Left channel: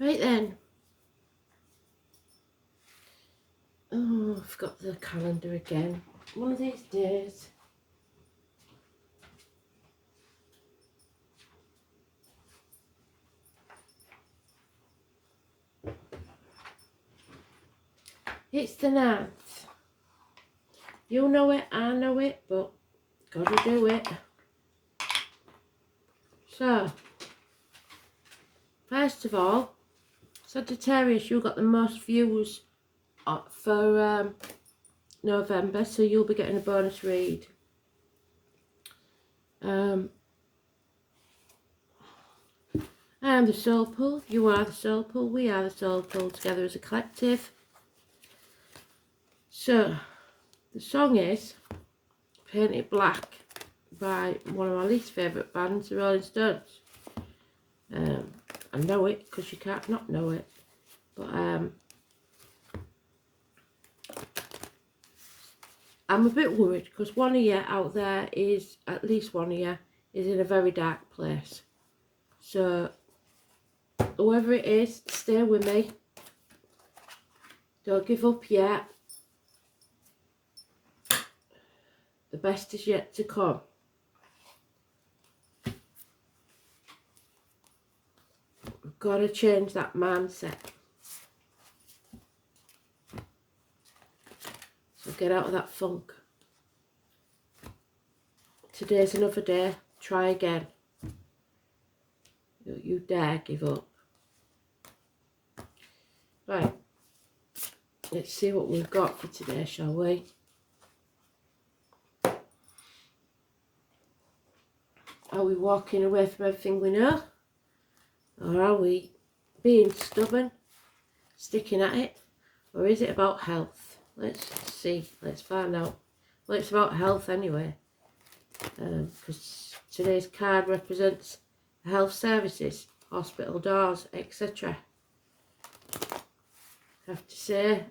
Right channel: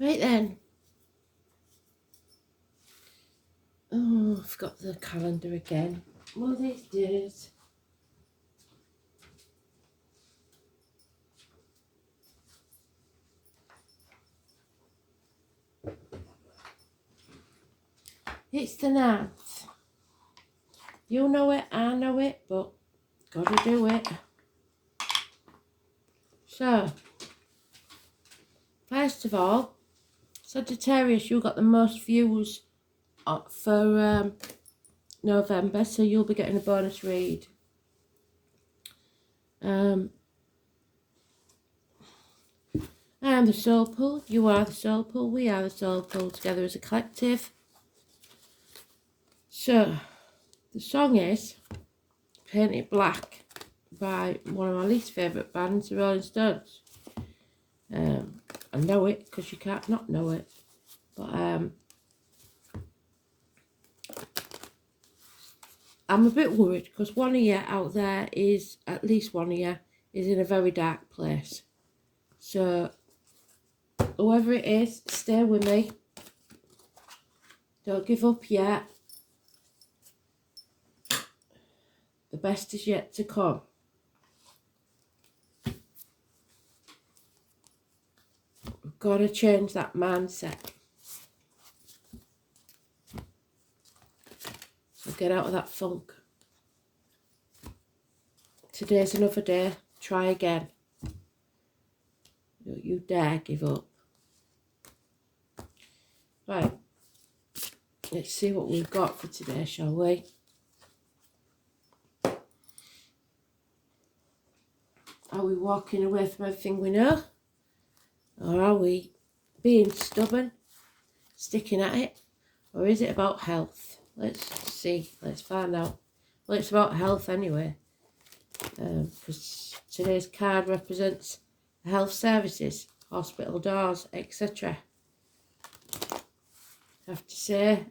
Right then. Oh, I've got the calendar again. One of these days. It's the 9th. You know it, I know it, but gotta do it. So, first of all, Sagittarius, you got the most views for November, so you'll be getting a bonus read. I am the soul pool, you are the soul pool, we are the soul pool together as a collective. So, the song is Paint It Black by one of my least favourite bands, the Rolling Stones. I know it because you can't not know it, but I'm a bit worried because one of you out there is, at least one of you, is in a very dark place. So, whoever it is, stay with me. Don't give up yet. The best is yet to come. We've got to change that mindset. So get out of that funk. Today's another day. Try again. Don't you dare give up. Right. Let's see what we've got for today, shall we? Are we walking away from everything we know? Or are we being stubborn, sticking at it? Or is it about health? Let's see. Let's find out. Well, it's about health anyway. Because today's card represents health services, hospital doors, etc. I have to say,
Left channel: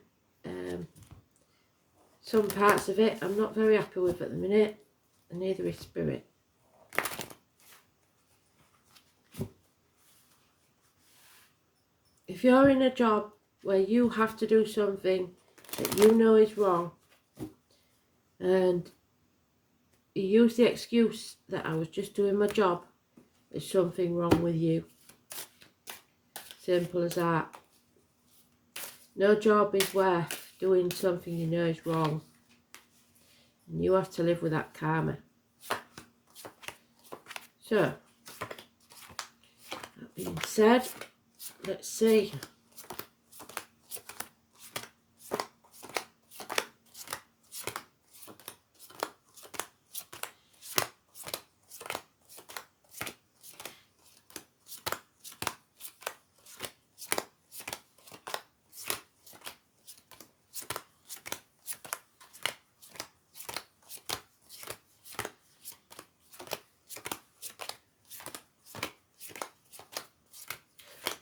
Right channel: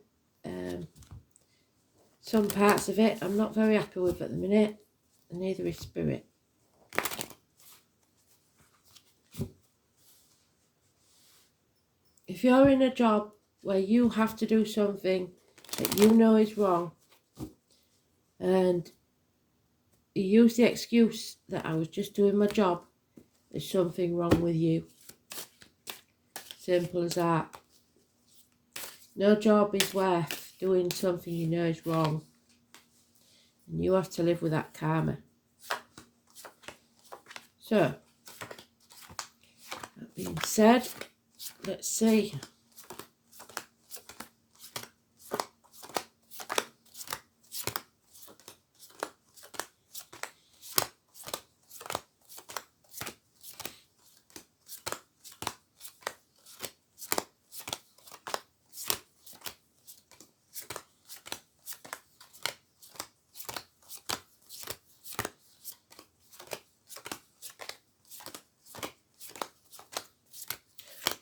some parts of it I'm not very happy with at the minute, and neither is spirit. If you're in a job where you have to do something that you know is wrong, and you use the excuse that I was just doing my job, there's something wrong with you. Simple as that. No job is worth doing something you know is wrong. And you have to live with that karma. So, that being said, let's see.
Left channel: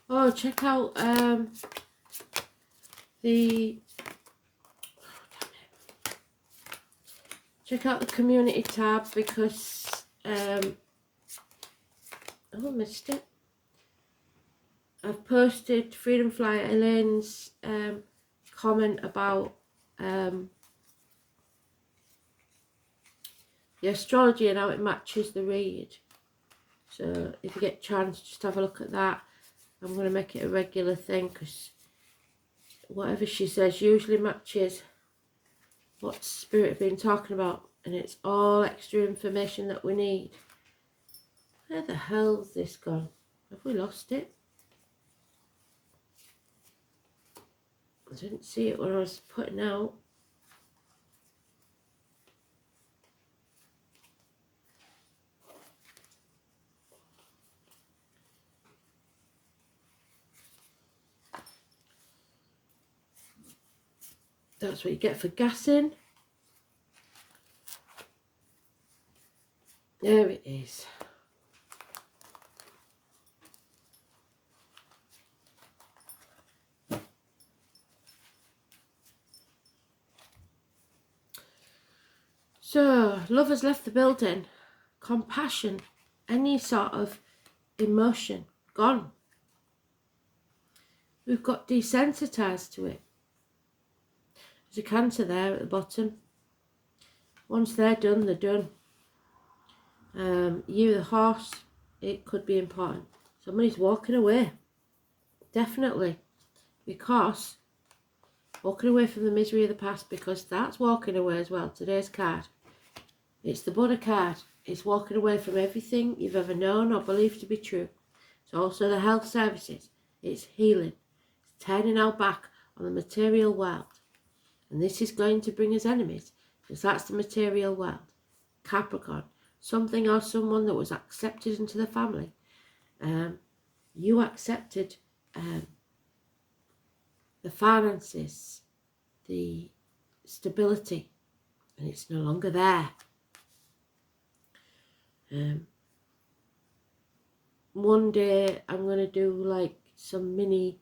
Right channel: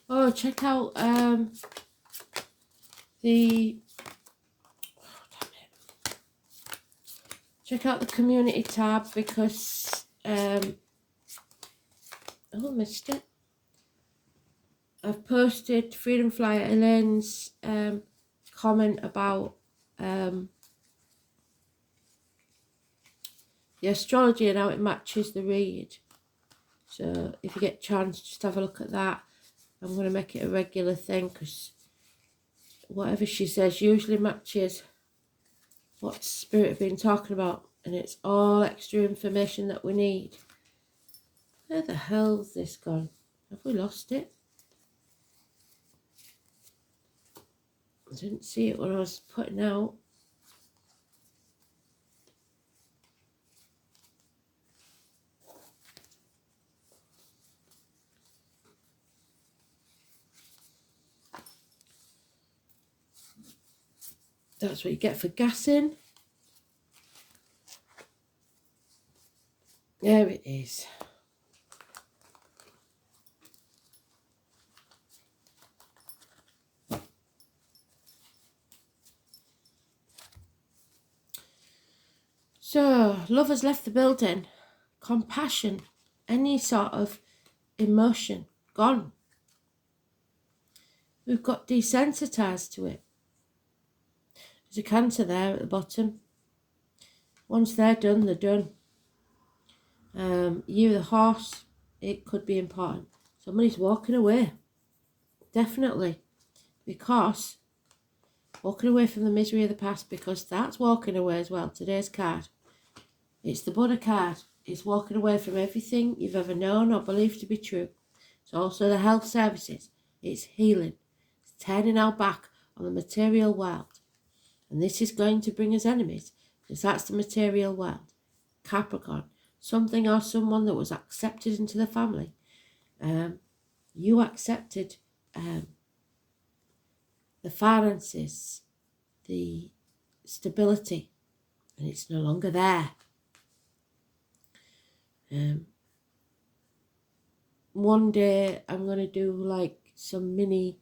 Oh, check out check out the community tab because oh, I missed it. I've posted Freedom Flyer Elaine's comment about the astrology and how it matches the read. So if you get a chance, just have a look at that. I'm going to make it a regular thing because whatever she says usually matches what Spirit have been talking about, and it's all extra information that we need. Where the hell's this gone? Have we lost it? I didn't see it when I was putting out. That's what you get for gassing. There it is. So, love has left the building. Compassion, any sort of emotion, gone. We've got desensitized to it. There's a Cancer there at the bottom. Once they're done, they're done. You, the horse, it could be important. Somebody's walking away. Definitely. Because walking away from the misery of the past, because that's walking away as well. Today's card. It's the Buddha card. It's walking away from everything you've ever known or believed to be true. It's also the health services. It's healing. It's turning our back on the material world. And this is going to bring us enemies, because that's the material world. Capricorn. Something or someone that was accepted into the family. You accepted the finances, the stability, and it's no longer there. One day I'm going to do like some mini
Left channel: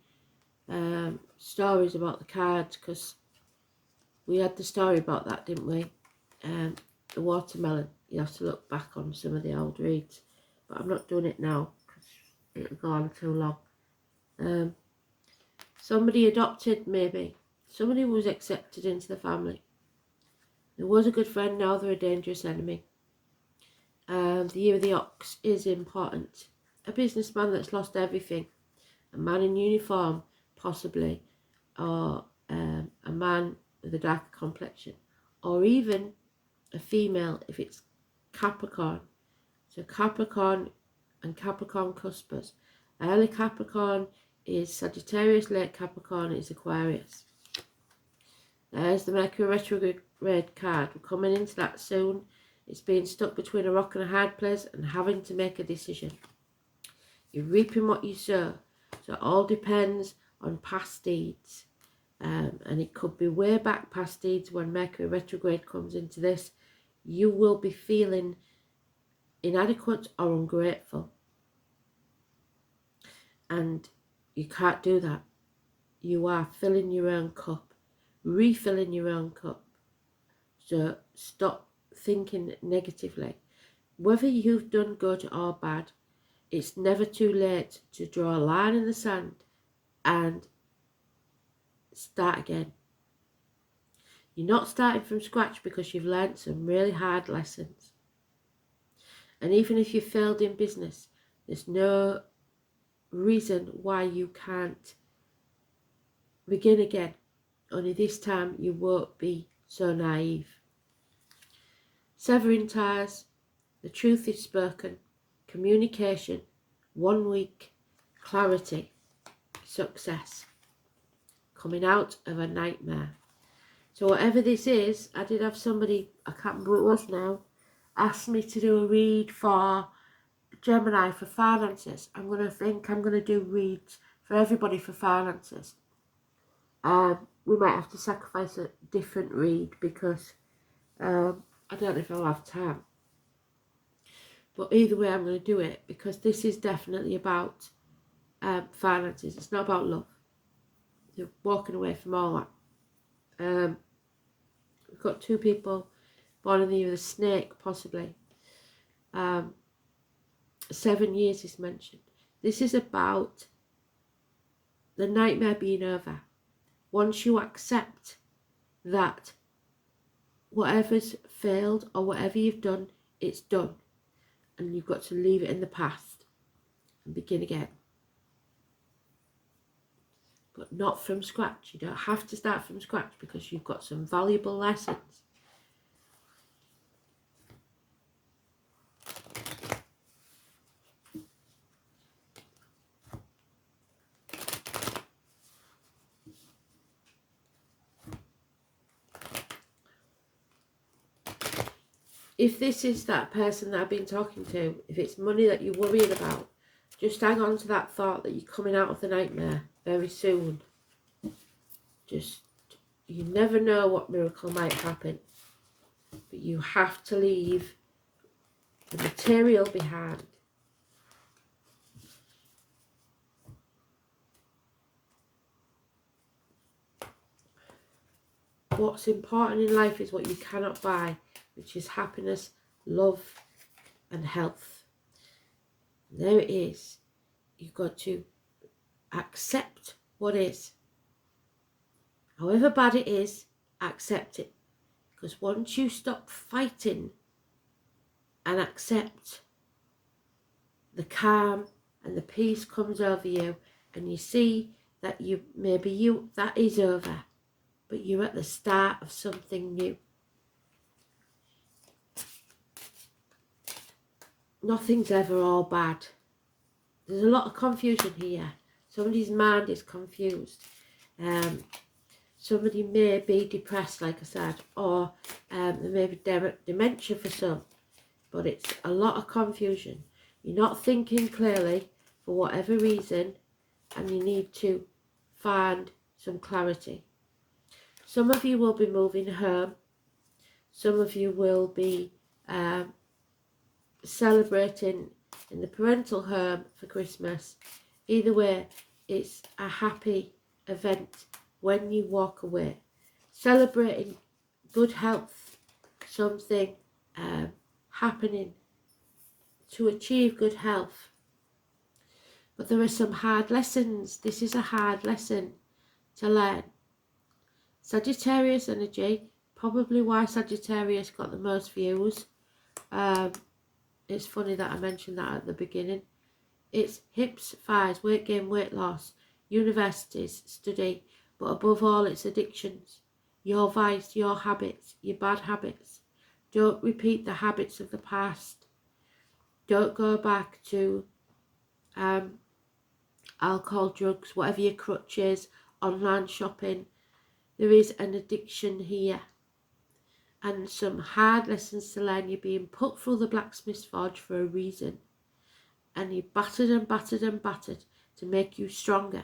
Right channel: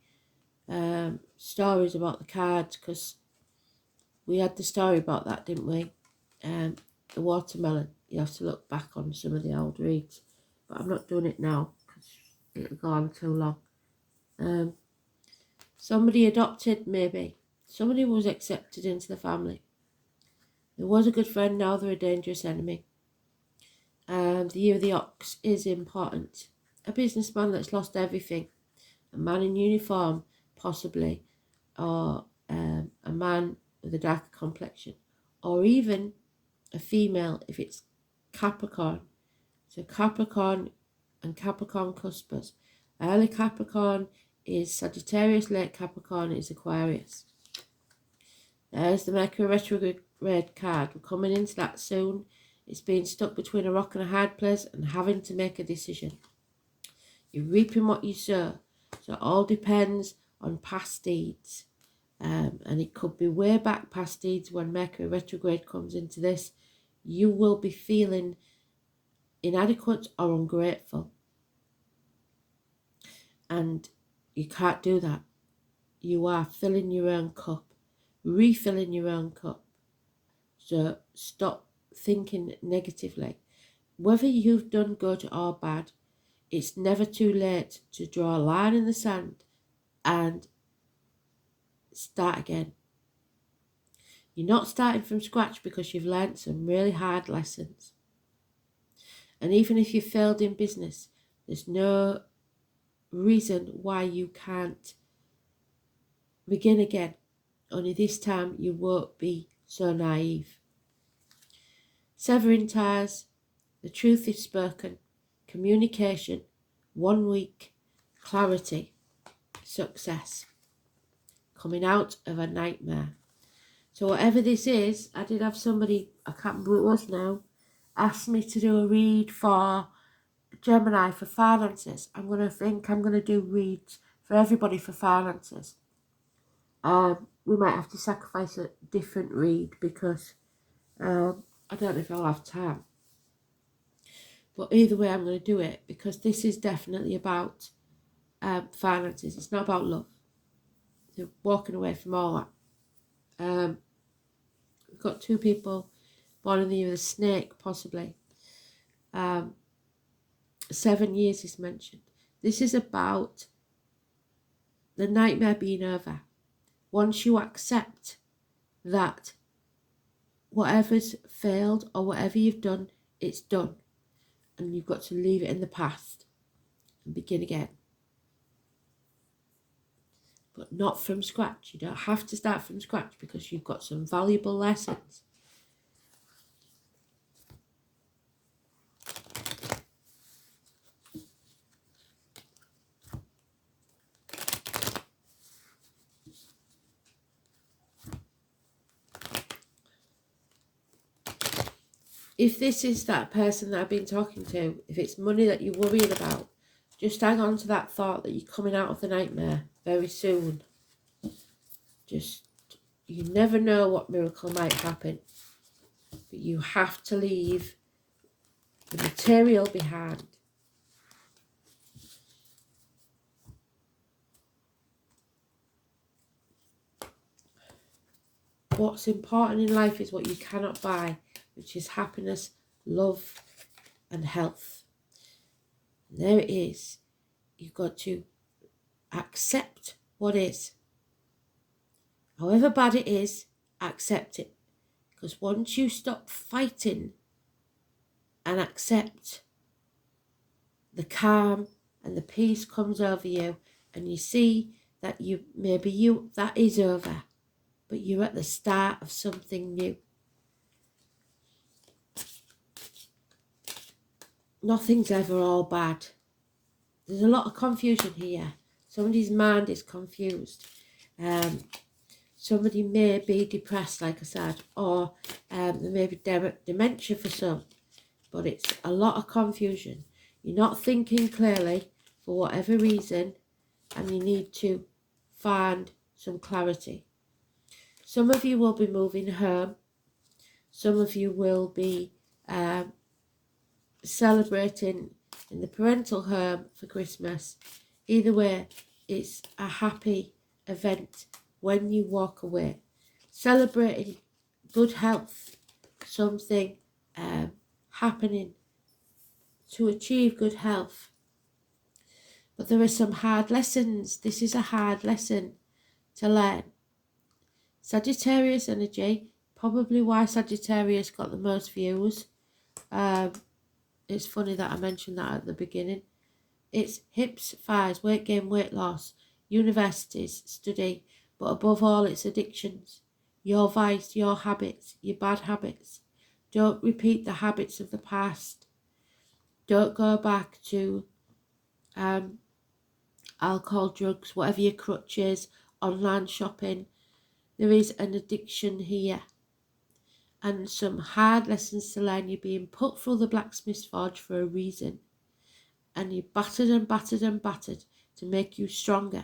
stories about the cards, because we had the story about that, didn't we? The watermelon. You have to look back on some of the old reads, but I'm not doing it now because it'll go on too long. Somebody adopted, maybe. Somebody was accepted into the family. There was a good friend, now they're a dangerous enemy. The year of the ox is important. A businessman that's lost everything. A man in uniform, possibly. Or a man with a dark complexion. Or even a female if it's Capricorn. So Capricorn and Capricorn cuspers. Early Capricorn is Sagittarius, late Capricorn is Aquarius. There's the Mercury retrograde card. We're coming into that soon. It's being stuck between a rock and a hard place and having to make a decision. You're reaping what you sow. So it all depends on past deeds. And it could be way back past deeds when Mercury retrograde comes into this. You will be feeling inadequate or ungrateful. And you can't do that. You are filling your own cup, refilling your own cup. So stop thinking negatively. Whether you've done good or bad, it's never too late to draw a line in the sand and start again. You're not starting from scratch because you've learnt some really hard lessons. And even if you failed in business, there's no reason why you can't begin again. Only this time you won't be so naive. Severing ties, the truth is spoken, communication, 1 week, clarity, success, coming out of a nightmare. So whatever this is, I did have somebody, I can't remember who it was now, asked me to do a read for Gemini for finances. I'm going to do reads for everybody for finances. We might have to sacrifice a different read because I don't know if I'll have time. But either way, I'm going to do it because this is definitely about finances. It's not about love. You're walking away from all that. We've got 2 people born in the year of the snake, possibly. 7 years is mentioned. This is about the nightmare being over. Once you accept that whatever's failed or whatever you've done, it's done. And you've got to leave it in the past and begin again. But not from scratch. You don't have to start from scratch because you've got some valuable lessons. If this is that person that I've been talking to, if it's money that you're worried about, just hang on to that thought that you're coming out of the nightmare very soon. You never know what miracle might happen. But you have to leave the material behind. What's important in life is what you cannot buy, which is happiness, love, and health. And there it is. You've got to accept what is. However bad it is, accept it. Because once you stop fighting and accept, the calm and the peace comes over you, and you see that that is over, but you're at the start of something new. Nothing's ever all bad. There's a lot of confusion here. Somebody's mind is confused. Somebody may be depressed, like I said, or there may be dementia for some, but it's a lot of confusion. You're not thinking clearly for whatever reason, and you need to find some clarity. Some of you will be moving home. Some of you will be celebrating in the parental home for Christmas. Either way, it's a happy event when you walk away. Celebrating good health, something happening to achieve good health. But there are some hard lessons. This is a hard lesson to learn. Sagittarius energy, probably why Sagittarius got the most views. It's funny that I mentioned that at the beginning. It's hips, thighs, weight gain, weight loss, universities, study, but above all it's addictions. Your vice, your habits, your bad habits. Don't repeat the habits of the past. Don't go back to alcohol, drugs, whatever your crutch is, online shopping. There is an addiction here. And some hard lessons to learn. You're being put through the blacksmith's forge for a reason. And you're battered and battered and battered to make you stronger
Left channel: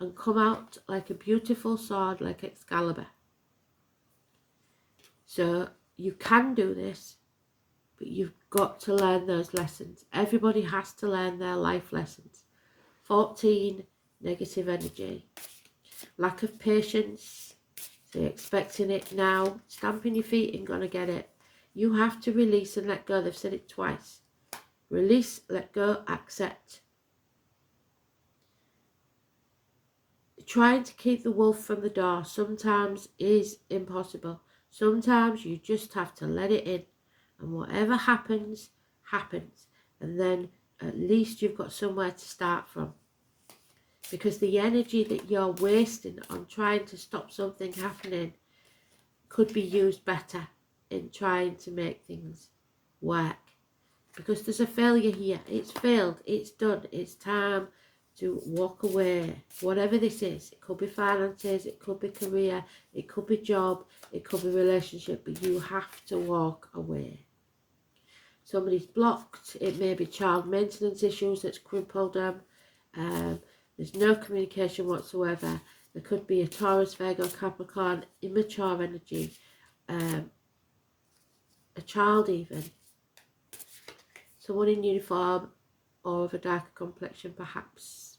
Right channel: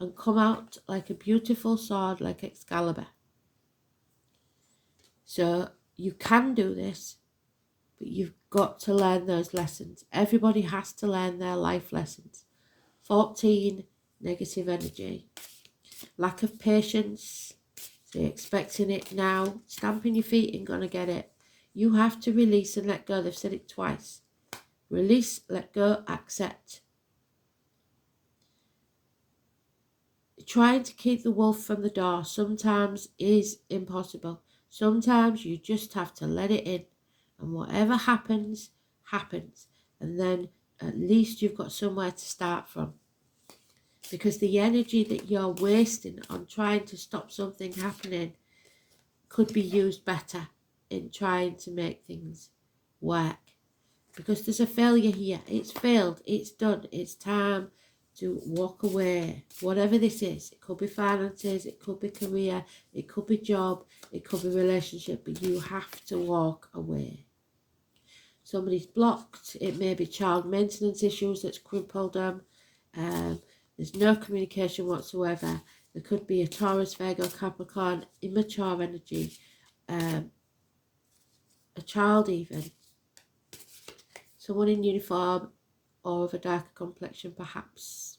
and come out like a beautiful sword like Excalibur. So you can do this, but you've got to learn those lessons. Everybody has to learn their life lessons. 14, negative energy. Lack of patience. So you're expecting it now. Stamping your feet and gonna get it. You have to release and let go. They've said it twice. Release, let go, accept. Trying to keep the wolf from the door sometimes is impossible. Sometimes you just have to let it in. And whatever happens, happens. And then at least you've got somewhere to start from. Because the energy that you're wasting on trying to stop something happening could be used better in trying to make things work. Because there's a failure here. It's failed. It's done. It's time to walk away. Whatever this is. It could be finances. It could be career. It could be job. It could be relationship. But you have to walk away. Somebody's blocked. It may be child maintenance issues that's crippled them. There's no communication whatsoever. There could be a Taurus, Virgo, Capricorn, immature energy. A child even. Someone in uniform or of a darker complexion perhaps.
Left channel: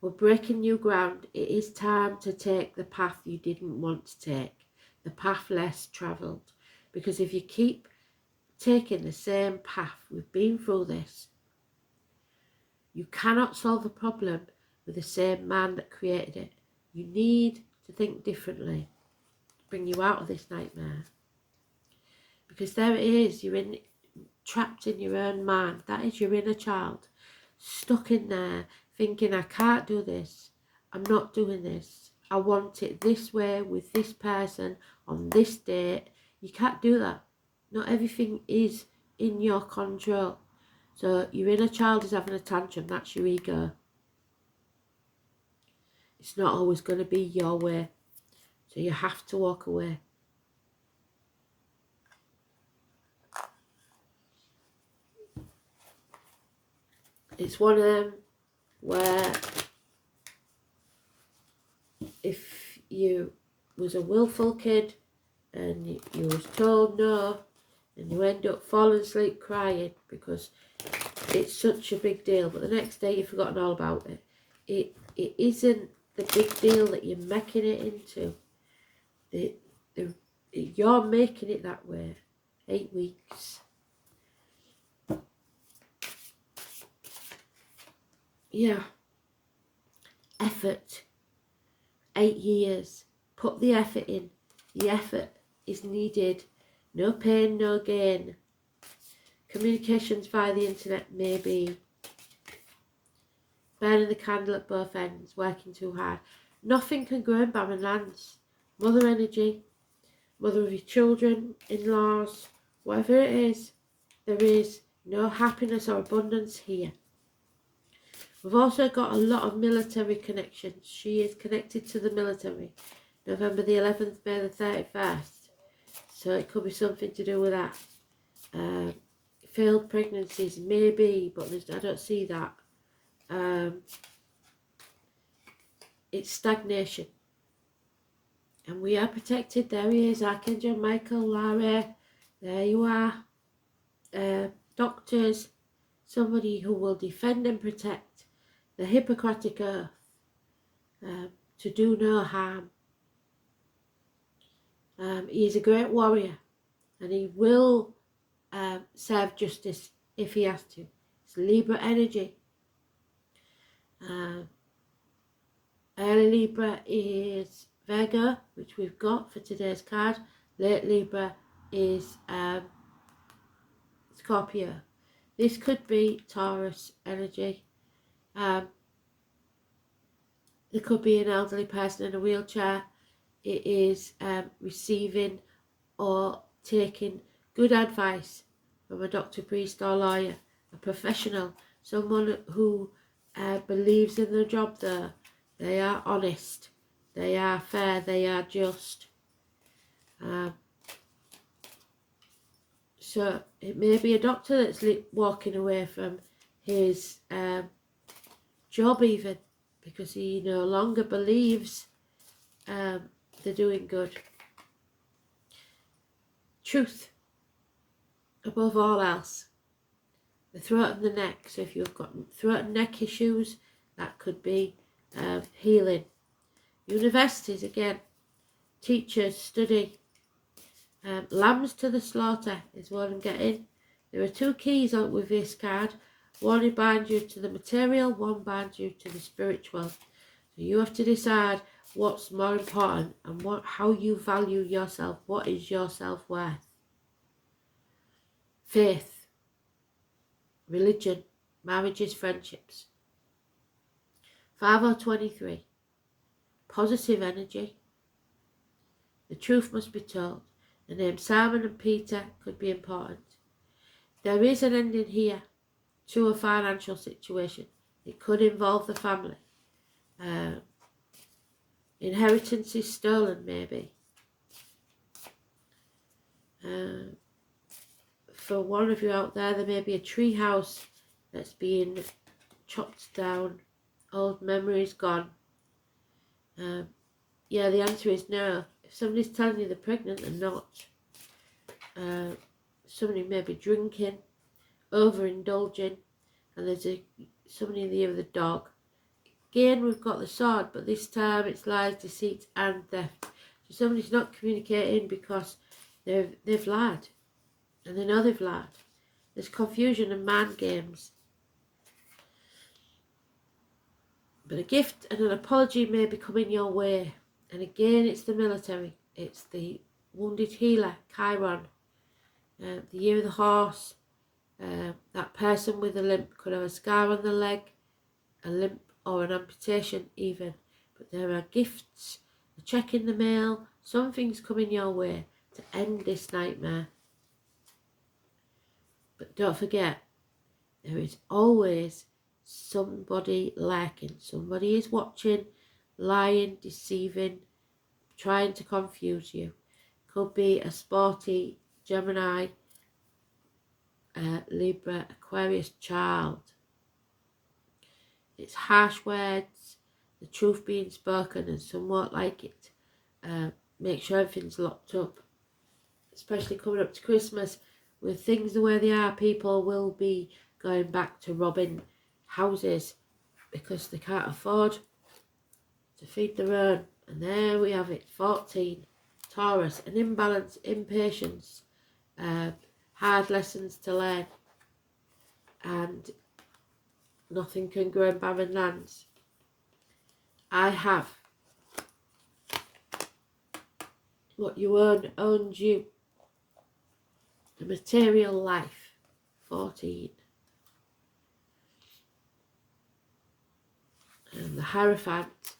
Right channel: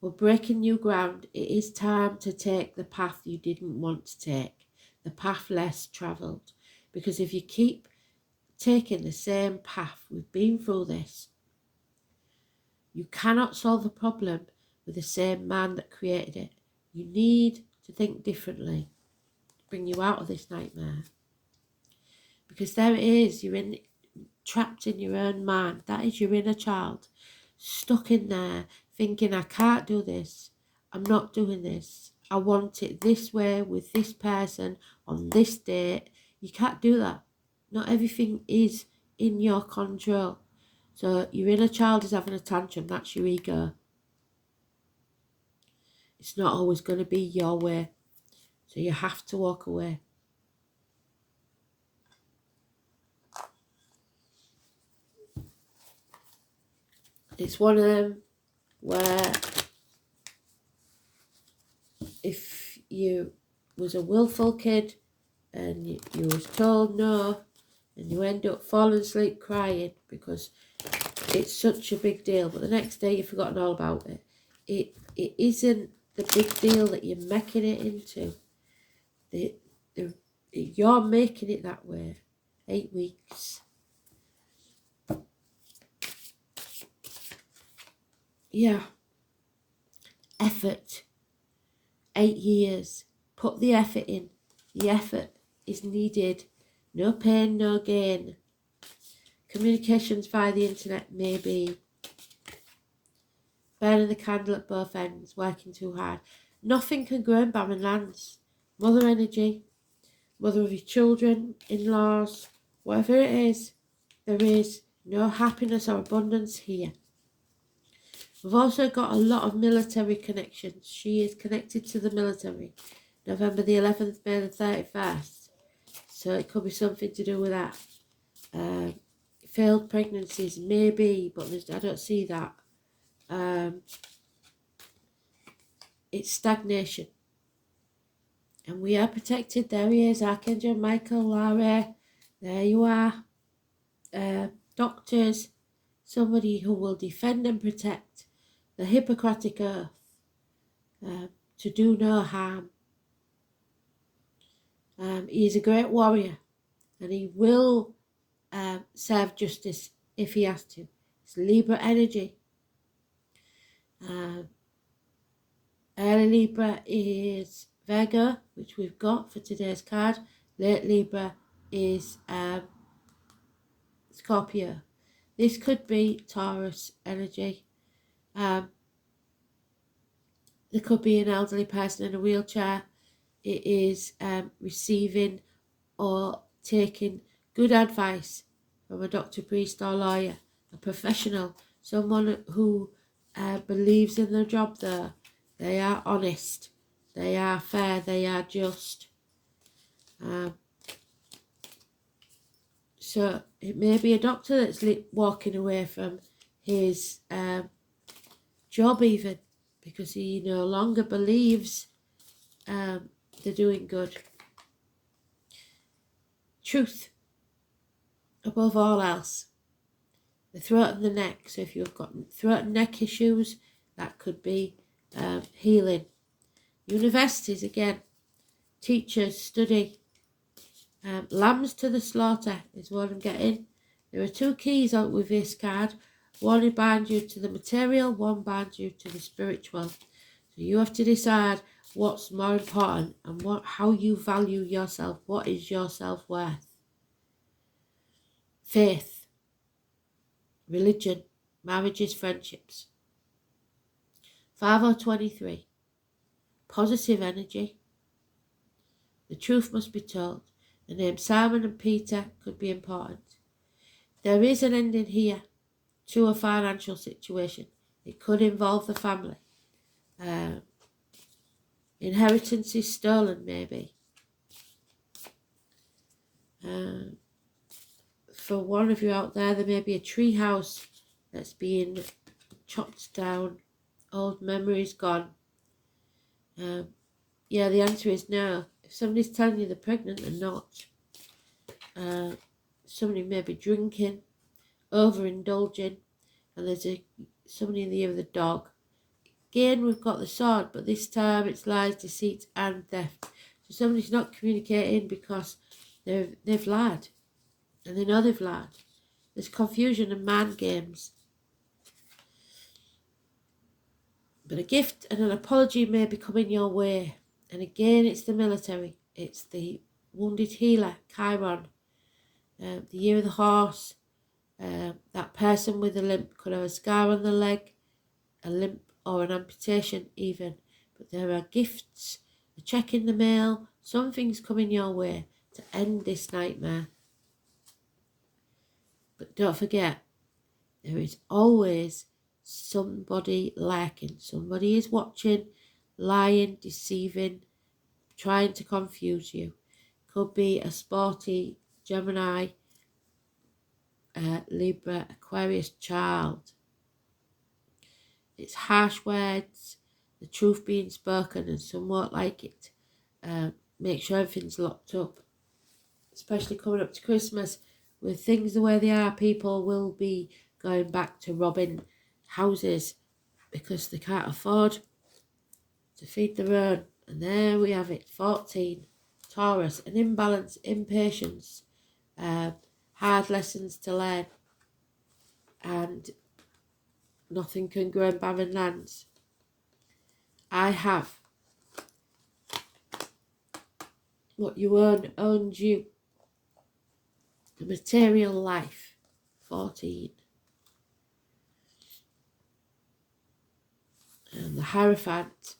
We're breaking new ground. It is time to take the path you didn't want to take. The path less travelled. Because if you keep taking the same path, we've been through this. You cannot solve the problem with the same man that created it. You need to think differently to bring you out of this nightmare. Because there it is, you're trapped in your own mind. That is your inner child, stuck in there, thinking, I can't do this. I'm not doing this. I want it this way, with this person, on this date. You can't do that. Not everything is in your control. So your inner child is having a tantrum, that's your ego. It's not always going to be your way. So you have to walk away. It's one of them where if you was a willful kid and you was told no, and you end up falling asleep crying because it's such a big deal, but the next day you've forgotten all about it. It isn't the big deal that you're making it into. You're making it that way. 8 weeks. Yeah. effort. 8 years. Put the effort in. The effort is needed. No pain, no gain. Communications via the internet, maybe. Burning the candle at both ends, working too hard. Nothing can grow in barren lands. Mother energy, mother of your children, in-laws, whatever it is, there is no happiness or abundance here. We've also got a lot of military connections. She is connected to the military. November the 11th, May the 31st. So it could be something to do with that. Failed pregnancies, maybe, but I don't see that. It's stagnation. And we are protected. There he is, Archangel Michael, Larry. There you are. Doctors, somebody who will defend and protect the Hippocratic Oath, to do no harm. He is a great warrior, and he will serve justice if he has to. It's Libra energy. Early Libra is Virgo, which we've got for today's card. Late Libra is Scorpio. This could be Taurus energy. There could be an elderly person in a wheelchair. It is receiving or taking good advice from a doctor, priest or lawyer, a professional, someone who believes in the job there. They are honest, they are fair, they are just. So it may be a doctor that's walking away from his job even, because he no longer believes they're doing good. Truth above all else. The throat and the neck. So if you've got throat and neck issues, that could be healing. Universities again. Teachers, study. Lambs to the slaughter is what I'm getting. There are two keys out with this card. One binds you to the material, one binds you to the spiritual. So you have to decide what's more important and how you value yourself. What is your self-worth? Faith, religion, marriages, friendships. 5023. Positive energy. The truth must be told. The names Simon and Peter could be important. There is an ending here to a financial situation. It could involve the family. Inheritance is stolen, maybe. For one of you out there may be a tree house that's being chopped down. Old memories gone. Yeah, the answer is no. If somebody's telling you they're pregnant, they're not. Somebody may be drinking, overindulging, and there's somebody in the ear of the dog. Again, we've got the sword, but this time it's lies, deceit, and theft. So somebody's not communicating because they've lied, and they know they've lied. There's confusion and mind games. But a gift and an apology may be coming your way. And again, it's the military. It's the wounded healer, Chiron. The year of the horse. That person with a limp could have a scar on the leg, a limp or an amputation even. But there are gifts, a check in the mail, something's coming your way to end this nightmare. But don't forget, there is always somebody lurking. Somebody is watching, lying, deceiving, trying to confuse you. Could be a sporty Gemini, Libra, Aquarius child. It's harsh words, the truth being spoken, and some won't like it. Make sure everything's locked up, especially coming up to Christmas. With things the way they are, people will be going back to robbing houses because they can't afford to feed their own. And there we have it, 14. Taurus, an imbalance, impatience, hard lessons to learn, and nothing can grow in barren lands. I have. What you earn owns you. The material life. 14. And the Hierophant.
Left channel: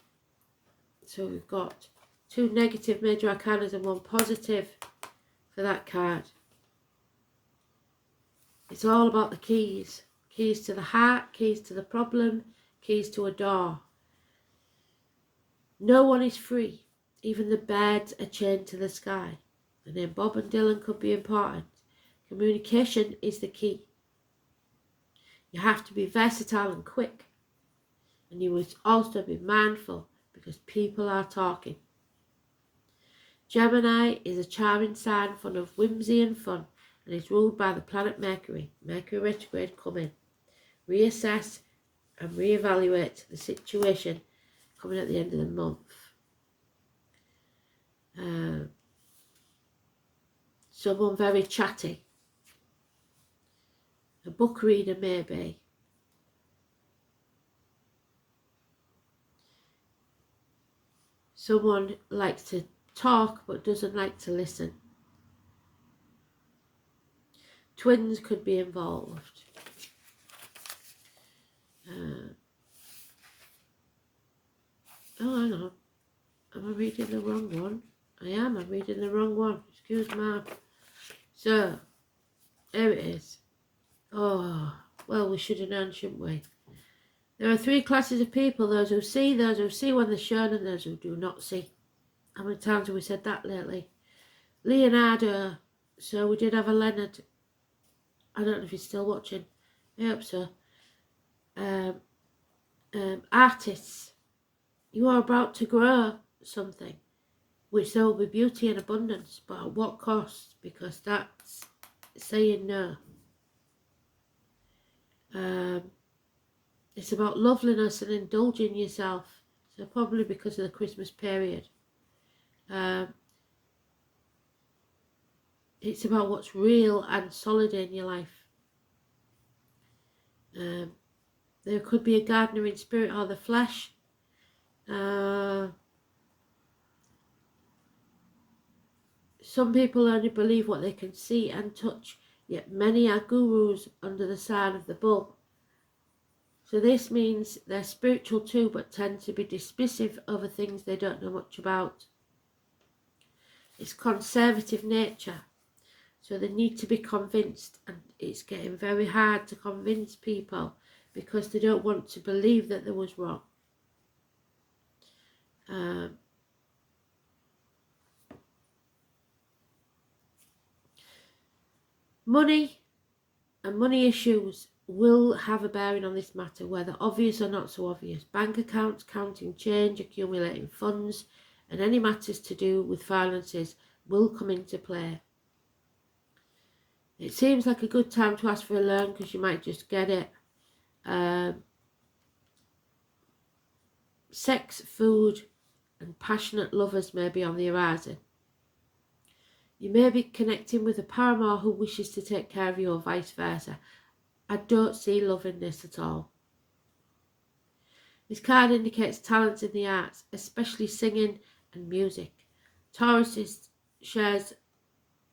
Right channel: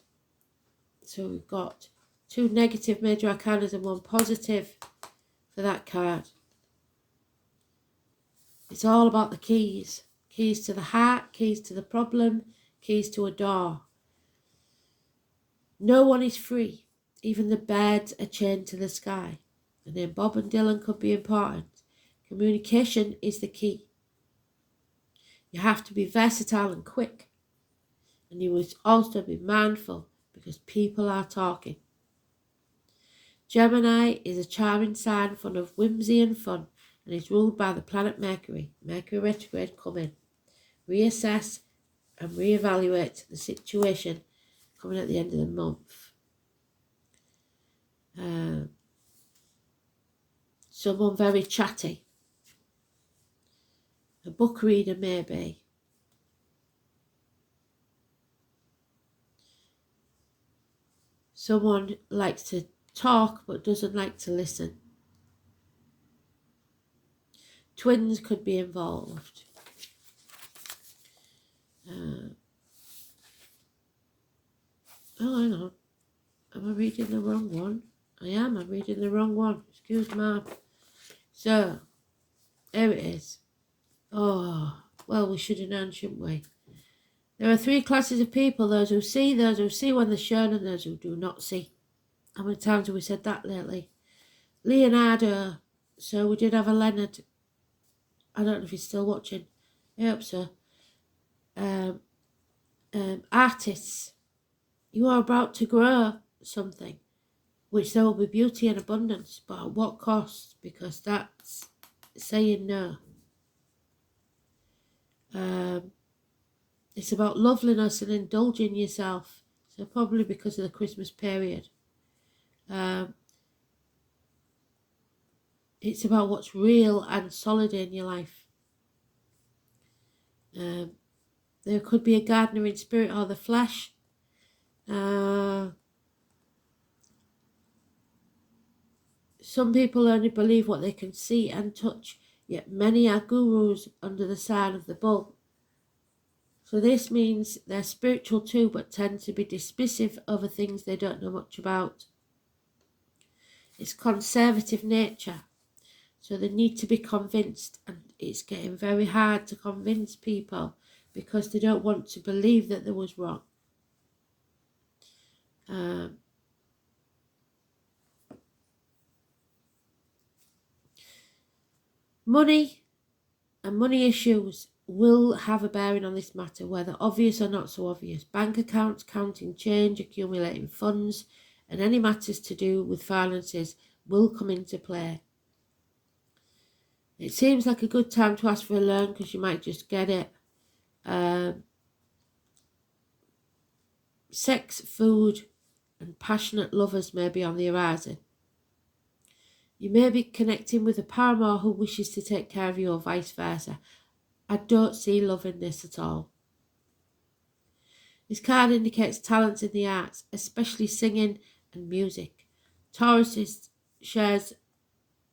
So we've got 2 negative major arcanas and 1 positive for that card. It's all about the keys. Keys to the heart, keys to the problem, keys to a door. No one is free. Even the birds are chained to the sky. The name Bob and Dylan could be important. Communication is the key. You have to be versatile and quick. And you must also be mindful because people are talking. Gemini is a charming sign full of whimsy and fun and is ruled by the planet Mercury. Mercury retrograde coming. Reassess and reevaluate the situation coming at the end of the month. Someone very chatty. A book reader maybe. Someone likes to talk but doesn't like to listen. Twins could be involved. Oh, I know. Am I reading the wrong one? I am. I'm reading the wrong one. Excuse me. So, there it is. Oh, well, we should have known, shouldn't we? There are 3 classes of people. Those who see when they're shown, and those who do not see. How many times have we said that lately? Leonardo. So we did have a Leonard. I don't know if he's still watching. I hope so. Artists. You are about to grow something, which there will be beauty and abundance, but at what cost? Because that's saying no. It's about loveliness and indulging yourself. So probably because of the Christmas period. It's about what's real and solid in your life. There could be a gardener in spirit or the flesh. Some people only believe what they can see and touch, yet many are gurus under the sign of the bull. So this means they're spiritual too, but tend to be dismissive over things they don't know much about. It's conservative nature, so they need to be convinced, and it's getting very hard to convince people because they don't want to believe that there was wrong. Money and money issues will have a bearing on this matter, whether obvious or not so obvious. Bank accounts, counting change, accumulating funds, and any matters to do with finances will come into play. It seems like a good time to ask for a loan because you might just get it. Sex, food, and passionate lovers may be on the horizon. You may be connecting with a paramour who wishes to take care of you or vice versa. I don't see love in this at all. This card indicates talents in the arts, especially singing and music. Taurus shares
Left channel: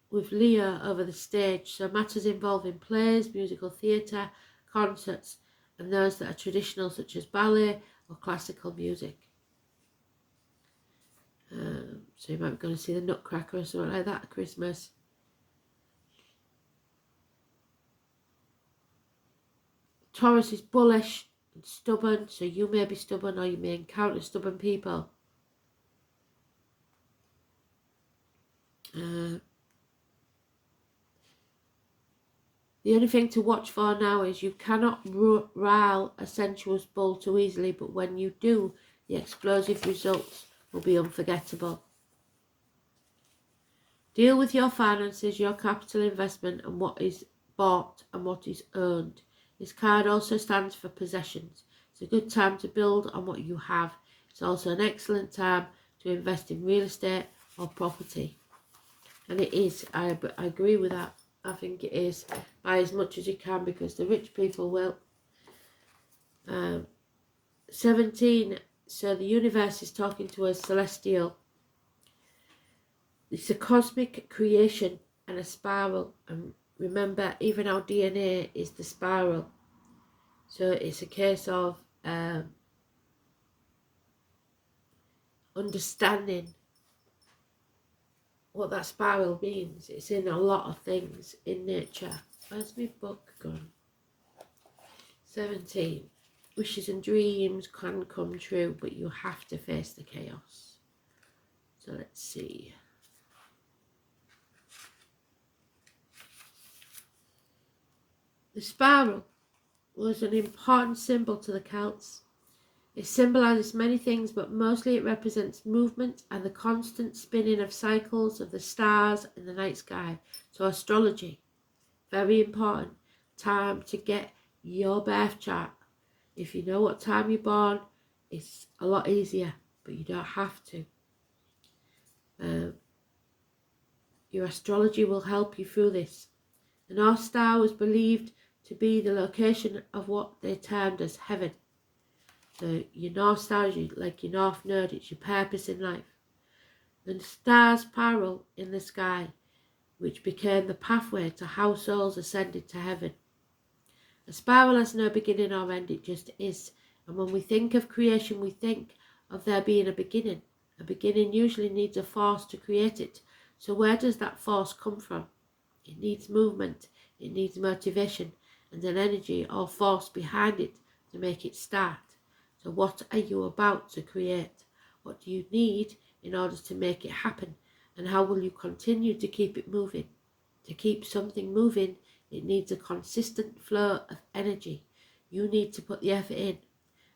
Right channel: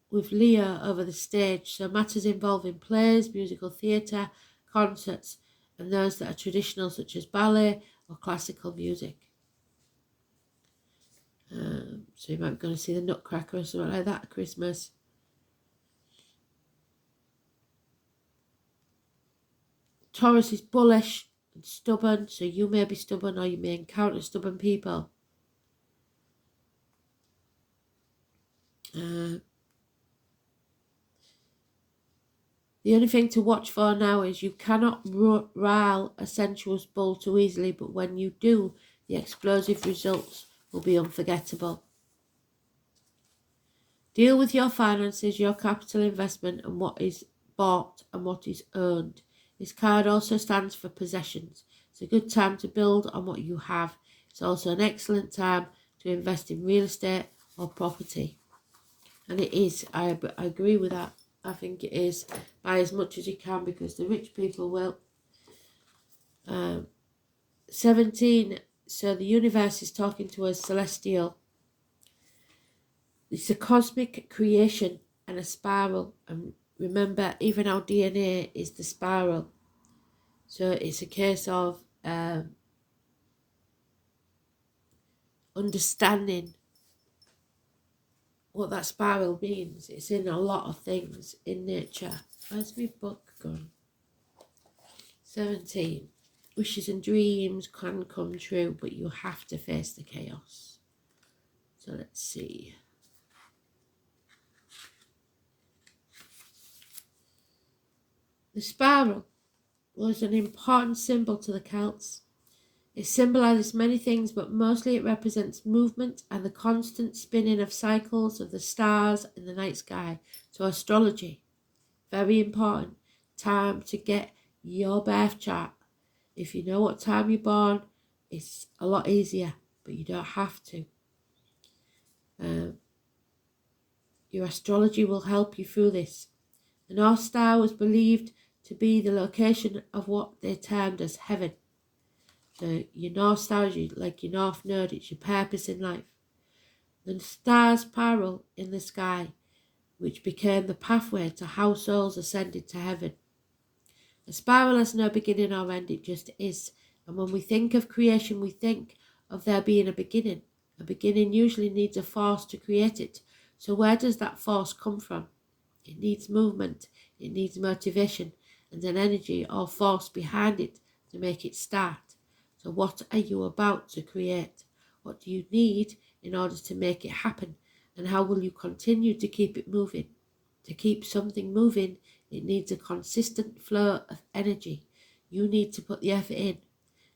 with Leo over the stage, so matters involving plays, musical theatre, concerts, and those that are traditional such as ballet or classical music. So you might be going to see the Nutcracker or something like that at Christmas. Taurus is bullish and stubborn, so you may be stubborn or you may encounter stubborn people. The only thing to watch for now is you cannot rile a sensuous bull too easily, but when you do, the explosive results will be unforgettable. Deal with your finances, your capital investment, and what is bought and what is earned. This card also stands for possessions. It's a good time to build on what you have. It's also an excellent time to invest in real estate or property. And it is, I agree with that. I think it is. Buy as much as you can because the rich people will. 17 So the universe is talking to us celestial. It's a cosmic creation and a spiral. And remember, even our DNA is the spiral. So it's a case of understanding what that spiral means. It's in a lot of things in nature. Where's my book gone? 17. Wishes and dreams can come true, but you have to face the chaos. So let's see. The spiral was an important symbol to the Celts. It symbolizes many things, but mostly it represents movement and the constant spinning of cycles of the stars in the night sky. So astrology, very important. Time to get your birth chart. If you know what time you're born, it's a lot easier, but you don't have to. Your astrology will help you through this. The North Star was believed to be the location of what they termed as heaven. So your North Star is like your North Node, it's your purpose in life. The star's spiral in the sky, which became the pathway to how souls ascended to heaven. A spiral has no beginning or end, it just is. And when we think of creation, we think of there being a beginning. A beginning usually needs a force to create it. So where does that force come from? It needs movement, it needs motivation, and an energy or force behind it to make it start. So what are you about to create? What do you need in order to make it happen? And how will you continue to keep it moving? To keep something moving, it needs a consistent flow of energy. You need to put the effort in,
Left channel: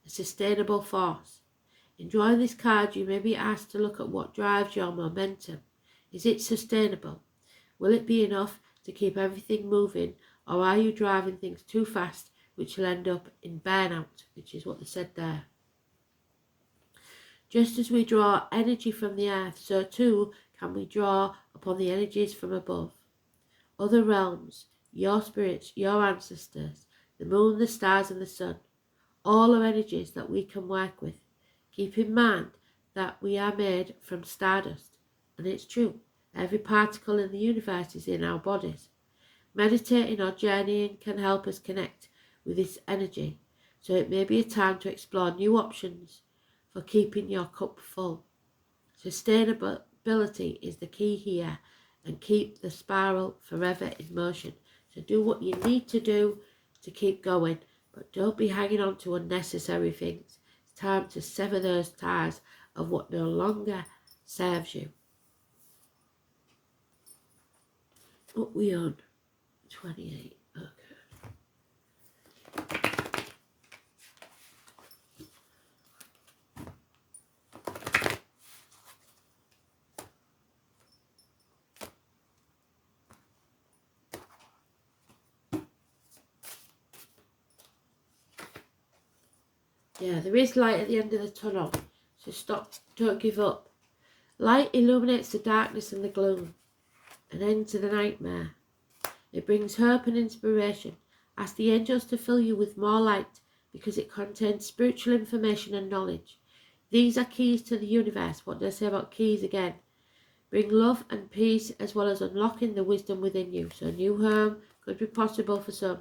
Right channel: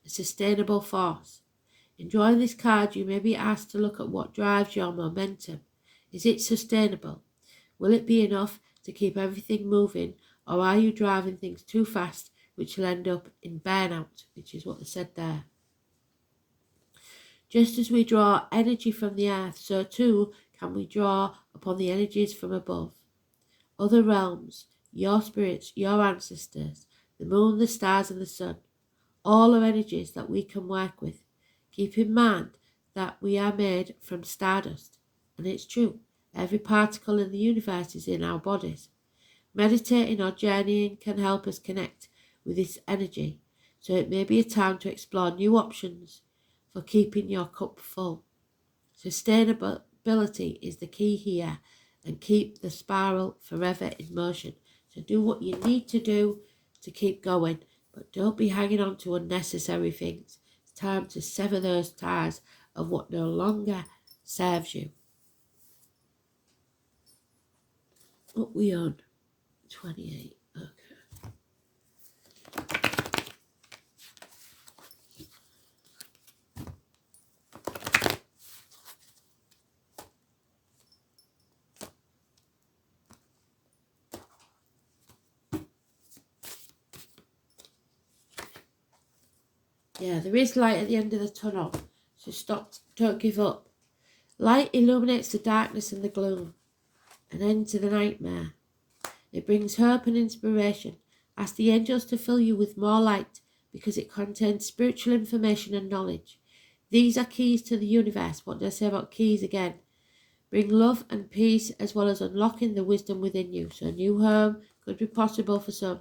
a sustainable force. In drawing this card, you may be asked to look at what drives your momentum. Is it sustainable? Will it be enough to keep everything moving, or are you driving things too fast, which will end up in burnout, which is what they said there. Just as we draw energy from the earth, so too can we draw upon the energies from above. Other realms, your spirits, your ancestors, the moon, the stars and the sun, all are energies that we can work with. Keep in mind that we are made from stardust, and it's true, every particle in the universe is in our bodies. Meditating or journeying can help us connect with this energy, so it may be a time to explore new options for keeping your cup full. Sustainability is the key here, and keep the spiral forever in motion. So do what you need to do to keep going, but don't be hanging on to unnecessary things. It's time to sever those ties of what no longer serves you. What we on? 28. Okay. Yeah, there is light at the end of the tunnel, so stop, don't give up. Light illuminates the darkness and the gloom, an end to the nightmare. It brings hope and inspiration. Ask the angels to fill you with more light, because it contains spiritual information and knowledge. These are keys to the universe. What did I say about keys again? Bring love and peace, as well as unlocking the wisdom within you. So a new home could be possible for some.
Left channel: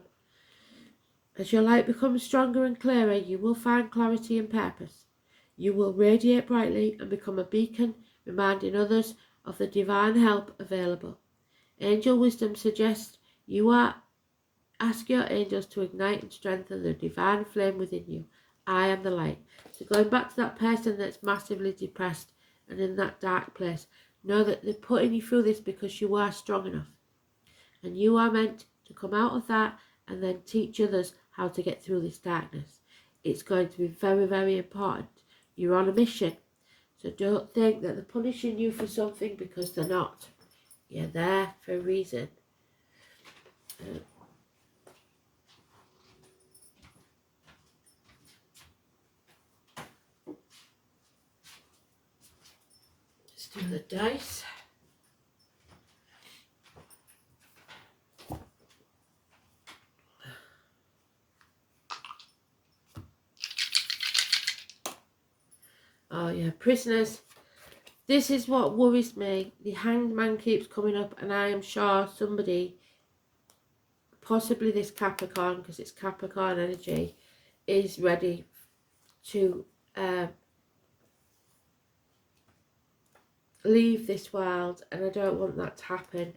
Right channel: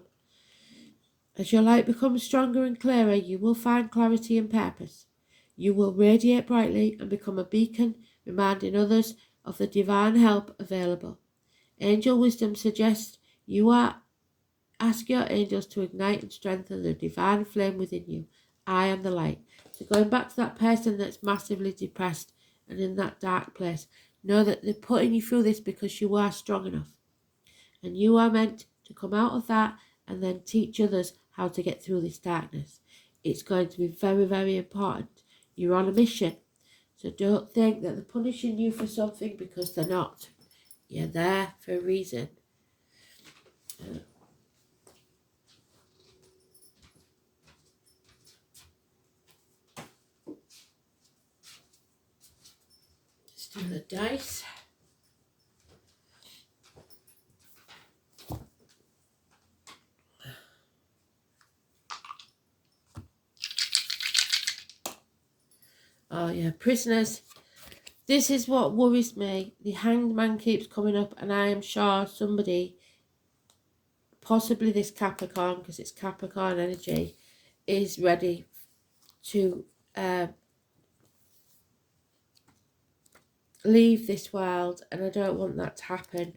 As your light becomes stronger and clearer, you will find clarity and purpose. You will radiate brightly and become a beacon, reminding others of the divine help available. Angel wisdom suggests ask your angels to ignite and strengthen the divine flame within you. I am the light. So going back to that person that's massively depressed and in that dark place, know that they're putting you through this because you are strong enough. And you are meant to come out of that and then teach others how to get through this darkness. It's going to be very, very important. You're on a mission. So don't think that they're punishing you for something, because they're not. You're there for a reason. Let's do the dice. yeah, prisoners. This is what worries me. The Hanged Man keeps coming up, and I am sure somebody, possibly this Capricorn, because it's Capricorn energy, is ready to leave this world, and I don't want that to happen.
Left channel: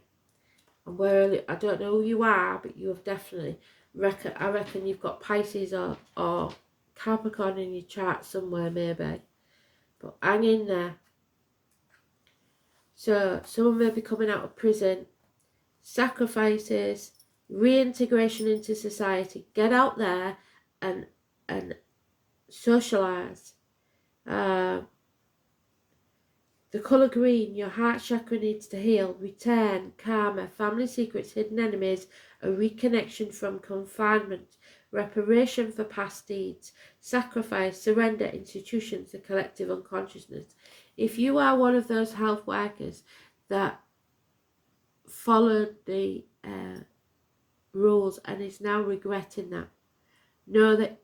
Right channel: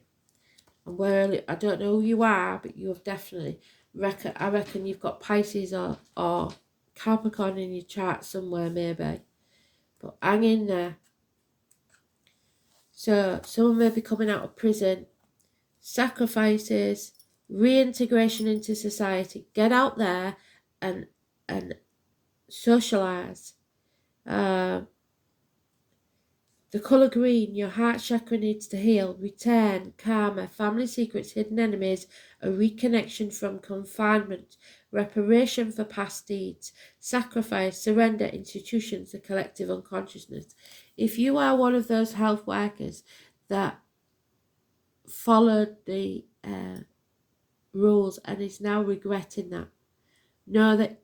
And I don't know who you are, but you have definitely, I reckon you've got Pisces or Capricorn in your chart somewhere maybe, but hang in there. So someone may be coming out of prison, sacrifices, reintegration into society, get out there and socialise. The colour green, your heart chakra needs to heal, return, karma, family secrets, hidden enemies, a reconnection from confinement, reparation for past deeds, sacrifice, surrender, institutions, the collective unconsciousness. If you are one of those health workers that followed the rules and is now regretting that, know that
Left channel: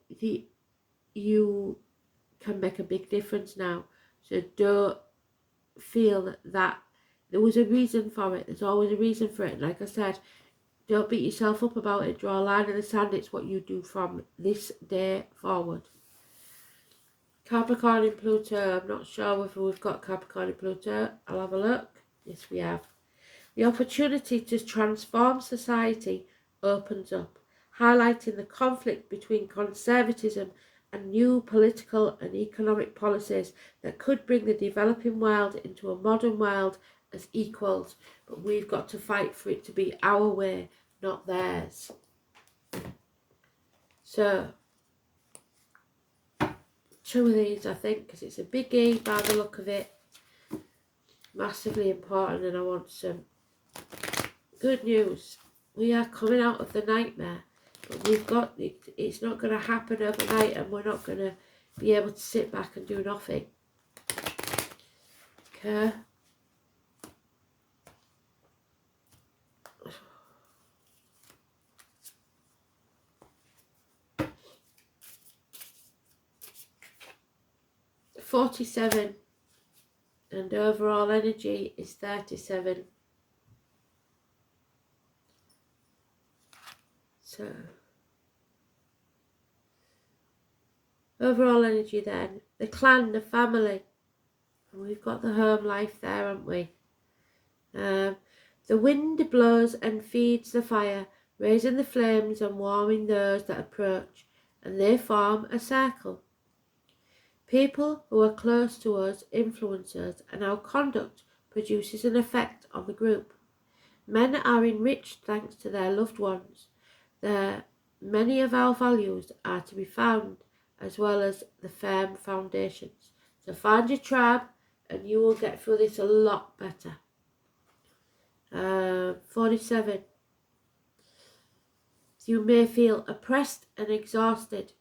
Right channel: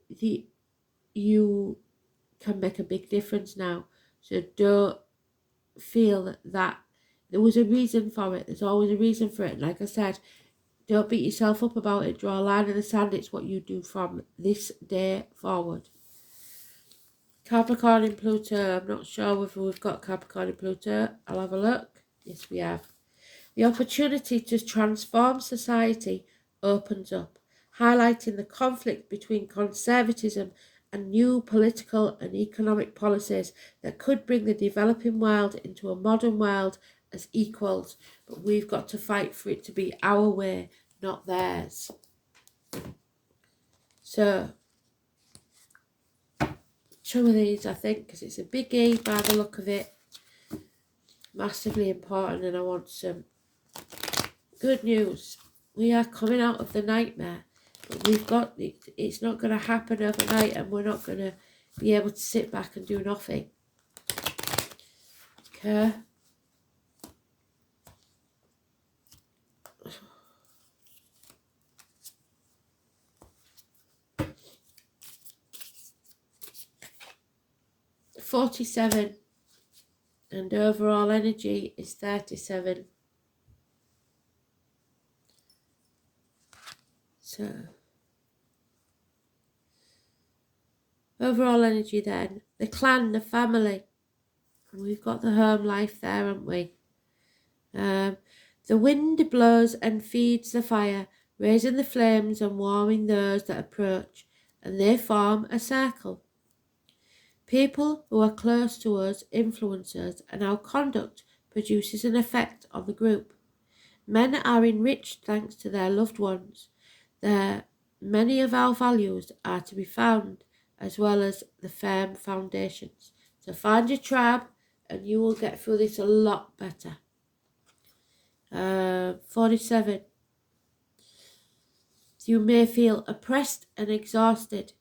you can make a big difference now. So don't feel that there was a reason for it. There's always a reason for it. And like I said, don't beat yourself up about it. Draw a line in the sand. It's what you do from this day forward. Capricorn in Pluto. I'm not sure whether we've got Capricorn in Pluto. I'll have a look. Yes, we have. The opportunity to transform society opens up, highlighting the conflict between conservatism and new political and economic policies that could bring the developing world into a modern world as equals. But we've got to fight for it to be our way, not theirs. So, two of these, I think, because it's a biggie by the look of it. Massively important, and I want some good news. We are coming out of the nightmare, but we've got it's not going to happen overnight, and we're not going to be able to sit back and do nothing. Okay. $47, and overall energy is 37. So overall energy then, the clan, the family, and we've got the home life there, haven't we? The wind blows and feeds the fire, raising the flames and warming those that approach, and they form a circle. People who are close to us influence us, and our conduct produces an effect on the group. Men are enriched thanks to their loved ones. Many of our values are to be found, as well as the firm foundations. So find your tribe and you will get through this a lot better. 47. You may feel oppressed and exhausted.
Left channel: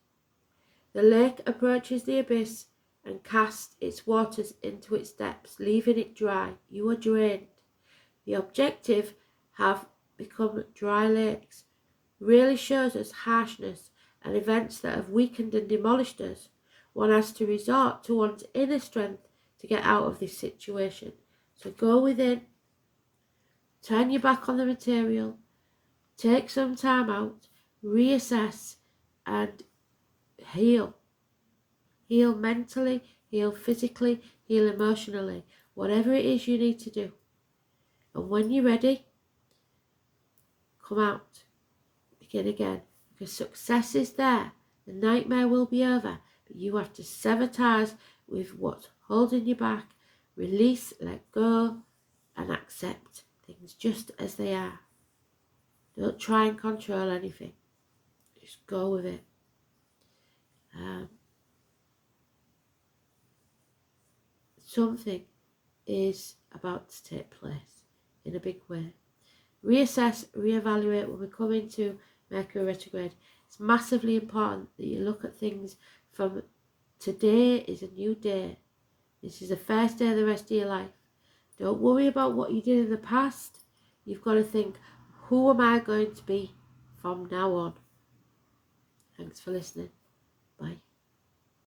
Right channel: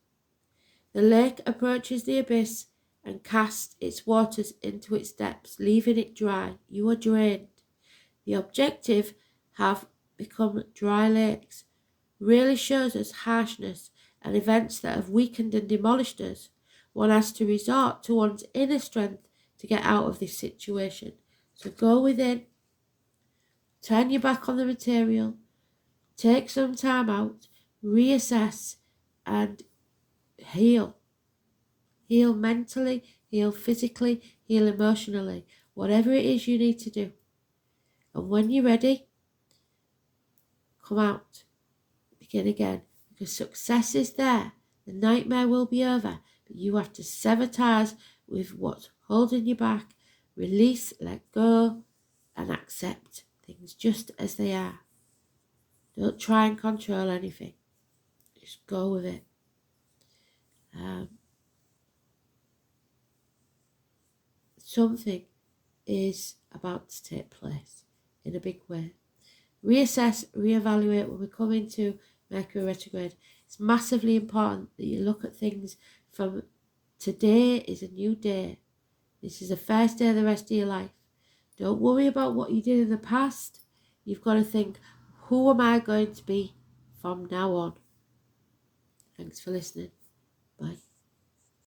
The lake approaches the abyss and casts its waters into its depths, leaving it dry. You are drained. The objective have become dry lakes. Really shows us harshness and events that have weakened and demolished us. One has to resort to one's inner strength to get out of this situation. So go within, turn your back on the material, take some time out, reassess and heal. Heal mentally, heal physically, heal emotionally. Whatever it is you need to do. And when you're ready, come out. Begin again. Because success is there. The nightmare will be over. But you have to sever ties with what's holding you back. Release, let go, and accept things just as they are. Don't try and control anything. Just go with it. Something is about to take place in a big way. Reassess, reevaluate when we come into Mercury retrograde. It's massively important that you look at things from today is a new day. This is the first day of the rest of your life. Don't worry about what you did in the past. You've got to think, who am I going to be from now on? Thanks for listening. Bye.